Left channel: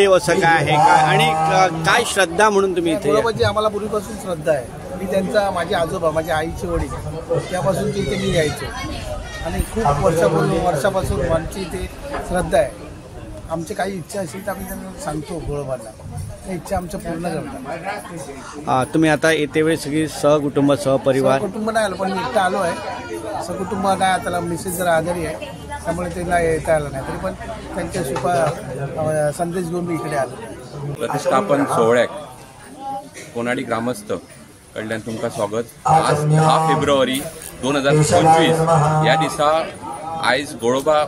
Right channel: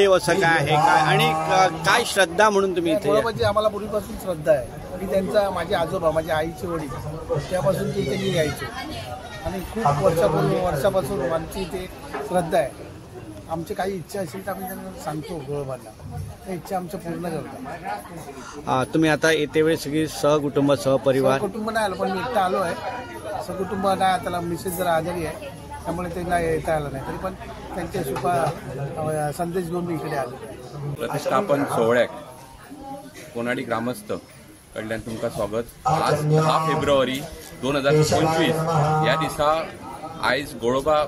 कुलदेव असं काय आहे का आणि काय श्रद्धा म्हणून तुम्ही इथे? गोळोबाची आम्हाला पूर्वीपासून श्रद्धा आहे. मी त्यांचा माझे आजोबा माझे आईचे वडील त्यापासून ते इथे मी यायचे आणि खूप वर्षापासून आमची इथे श्रद्धा आहे. आमची काही इच्छा असेल तर आम्ही त्यांना सांगतो गोळोबाला, त्या इच्छा आमच्या पूर्ण करतात. तुम्ही आता येते वेळी सगळी सहकुटुंब सहपरिवार? सहकुटुंब नाही आलं पण मी एकटा आलो आहे. सहकुटुंब काय आता मिसेस जरा आजारी आहे त्यामुळे त्याला येता आलं नाही, तरी पण त्यांच्या शुभा संदेश घेऊन मी इकडे आलो. प्रतिष्ठापन सोहळ्याक कोणाडी ग्रामस्थ कडल्यान तुमकां स्वागत. आज 10 फेब्रुवारी 2025 ह्या दिसा आयज गोळोबा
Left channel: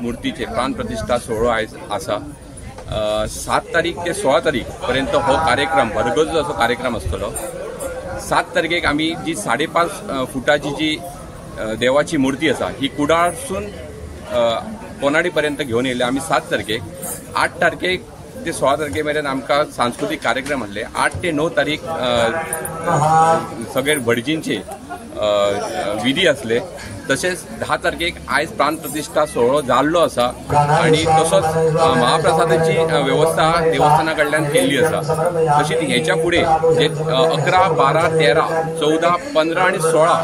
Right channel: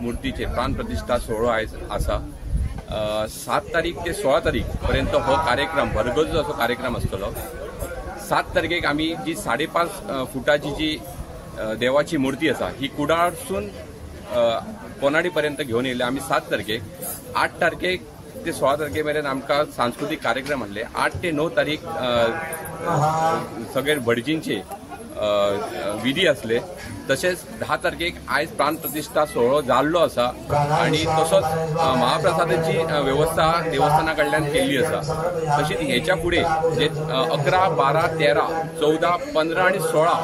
मुर्तीचे प्राण प्रतिष्ठा सोहळो आयज आसा. 7 तारीख ते 16 तारीख पर्यंत हो कार्यक्रम भरगच्च असो कार्यक्रम आसतलो. 7 तारखेक आमी जी 5.5 फुटाची जी देवाची मूर्ती आसा ही कुडाळसून कोनाडी पर्यंत घेऊन येयले आमी 7 तारखेक. 8 तारखेक ते 16 तारखे मेरेन आमकां सांस्कृतिक कार्यक्रम आसले. 8 ते 9 तारीख सगळे भटजींचे विधी असले. तसेच 10 तारखेक आयज प्राण प्रतिष्ठा सोहळो जाल्लो आसा आणि तसोच महाप्रसादाची व्यवस्था देवस्थाना कडल्यान केल्ली आसा. तशीच हेच्या फुडें जे 11, 12, 13, 14, 15 आणि 16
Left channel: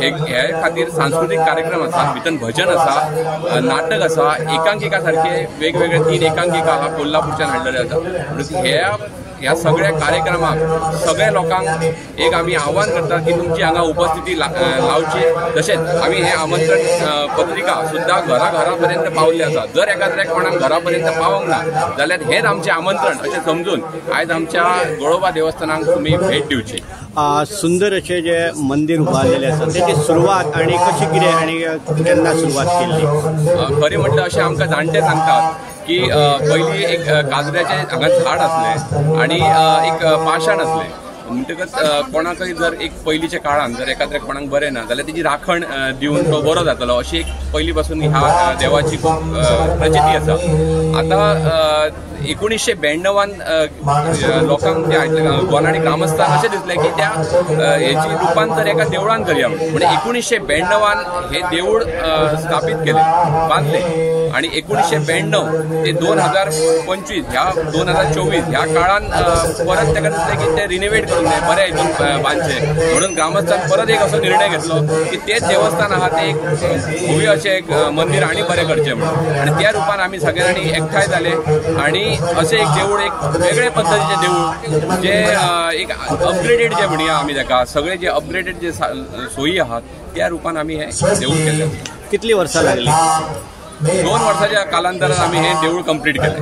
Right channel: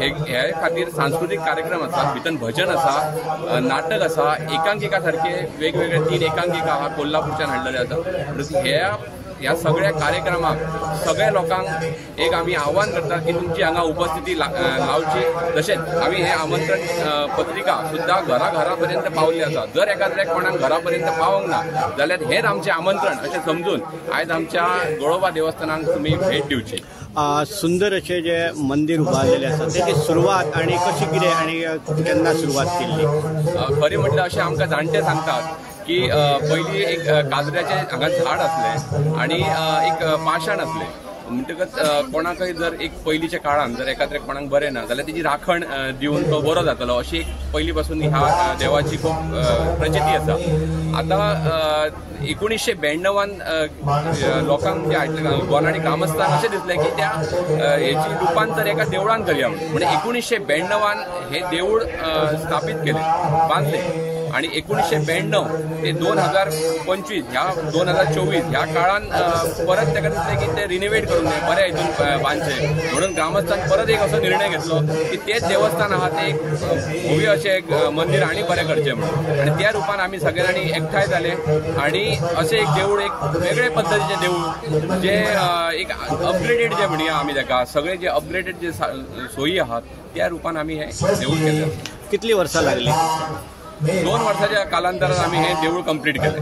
हे खातीर सांस्कृतिक कार्यक्रम आसा. भितर भजन आसा, नाटक आसा, एकांकिका सारखे वेगवेगळे 3 एकांकिका कोल्हापूरच्यान हाडलेले आसा. ह्या सगळ्या कार्यक्रमाक सगळ्या लोकांक एक आम्ही आव्हान करतात की तुमची हांगा उपस्थिती लावची. तशेंच आम्ही हे आमंत्रण पत्रिका सुद्धा घरापर्यंत पावली आसा. जर एखाद्या कोणाक घरापर्यंत पावंक ना जाल्यार हेच आमचे आमंत्रण अशें समजून आयज आमच्या गोळोबा देवस्थानाक तुम्ही भेट दिवची. सुंदर असे जे मंदिर उभारलेले आसा त्याची सुरवात आणि कशी कितें आणि केन्ना सुरवात केल्ली? खरें म्हटल्यार अशें आमकां जाणटे सांगतात की पयलीं एक काजऱ्याचें हांगा झाड आसलें आणि एक पाशाण आसलें. म्हणटकच कोणाकय जर एक पयलींच्या काळान जर एखाद्या कोणाक बरें ना जाल्यार तेजी राखण दिवन तो बरो जातलो अशी एक पयलीं पासून ह्या देवाची खूब प्रचिती आसा. आतां 1992 लोकांक गोनाडी ग्रामस्थान अशें दिसलें की त्या हेची रूपांतर एका देवळान करया म्हणून 1992 हे देवूळ स्थापीत केलें, बांदलें आणि 1992 ते 2025 ह्या 2024 ह्या काळान परत ताका दिसलें की ते रिनोवेट करून बरें हितून बांदचें म्हणून ग्रामस्थान परत एक असो निर्णय घेतलो की तेच देवस्थान आहा ते एक भव्य अशें एक मंदिर आनी बरें करचें म्हणून. आणि त्या रुपान आमी सगळे जाणी एकठांय जाले आणि अशें एक देवूळ एक वेगळे पद्दतीचें देवूळ जे एक अपग्रेडेड जे म्हणया आमी ताका सगळे जे अपग्रेडेड जे सोयी आहात त्या रुपान आमी हे देवूळ केलें. कितली वर्सां लागली? 2 वर्साच्या कालांतरान आमी हे देवूळ कंप्लीट केलें.